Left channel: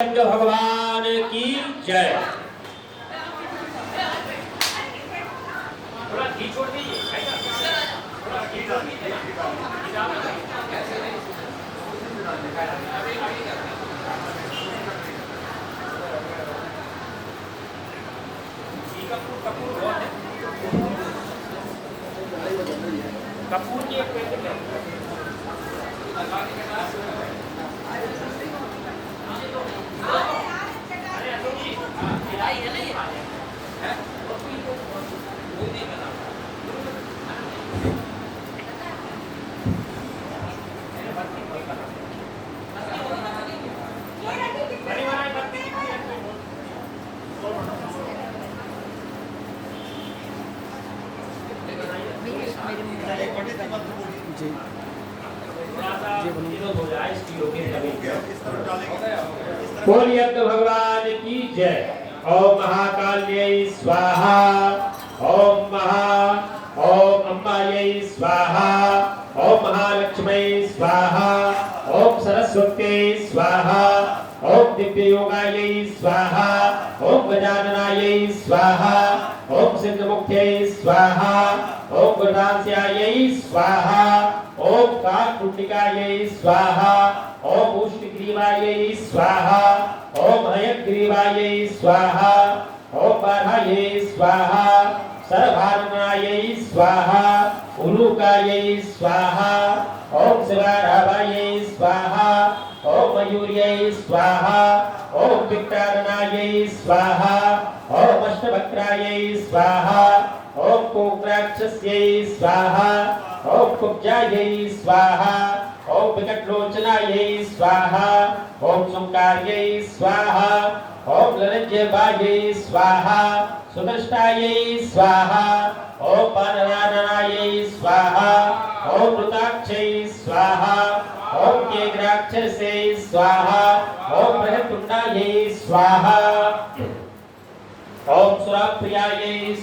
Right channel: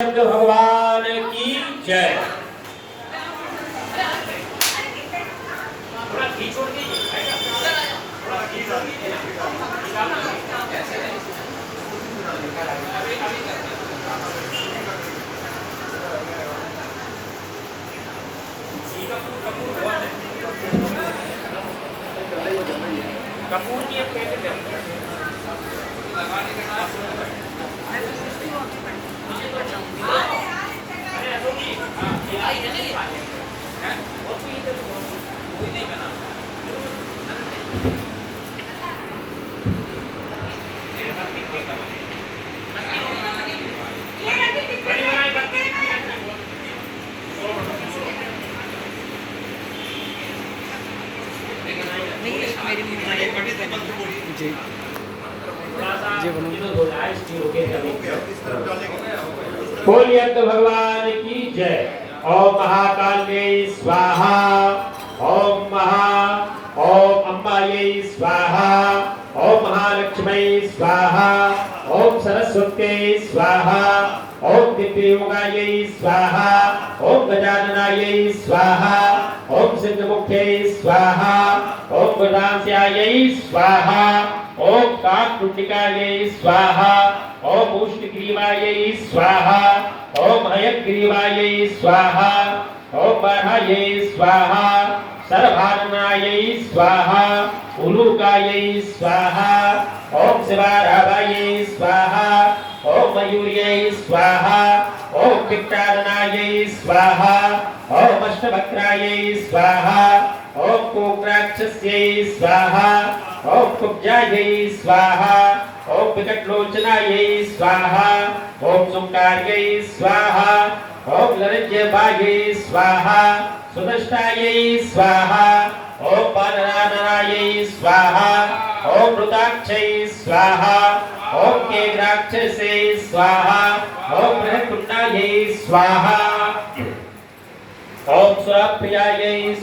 भगवान की जय। थोड़ा घी छोड़ दीजिए, थोड़ा घी छोड़ दीजिए। कपूर की एक पैकेट है। जी जी बोलिए तो भगवान की जय। ओम महाकाल्यै स्वाहा, ओम अम्बायै स्वाहा, ओम महालक्ष्मै स्वाहा, ओम सरस्वत्यै स्वाहा, ओम दिव्ययोगायै स्वाहा, ओम गजाननायै स्वाहा, ओम सिद्धमुख्यै स्वाहा, ओम गुणास्यायै स्वाहा, ओम काकुटिकायै स्वाहा, ओम उष्णग्रीवायै स्वाहा, ओम हयग्रीवायै स्वाहा, ओम बाह्यायै स्वाहा, सर्वभारणायै स्वाहा, उलूकायै स्वाहा, ओम शिवाराभायै स्वाहा, ओम मयूर्यै स्वाहा, ओम विक्टारणायै स्वाहा, ओम अष्टवक्त्रायै स्वाहा, ओम कोक्राक्षस्यै स्वाहा, ओम कुब्जायै स्वाहा, ओम विकटलोचनायै स्वाहा, ओम सुंकार्यै स्वाहा, ओम लरज्यभायै स्वाहा, सुनष्टायै स्वाहा, ओम पानराननायै स्वाहा, ओम वृताक्षै स्वाहा, ओम केग्राक्षसे स्वाहा, ओम बृहत्तुण्डायै स्वाहा, ओम सुरप्रियायै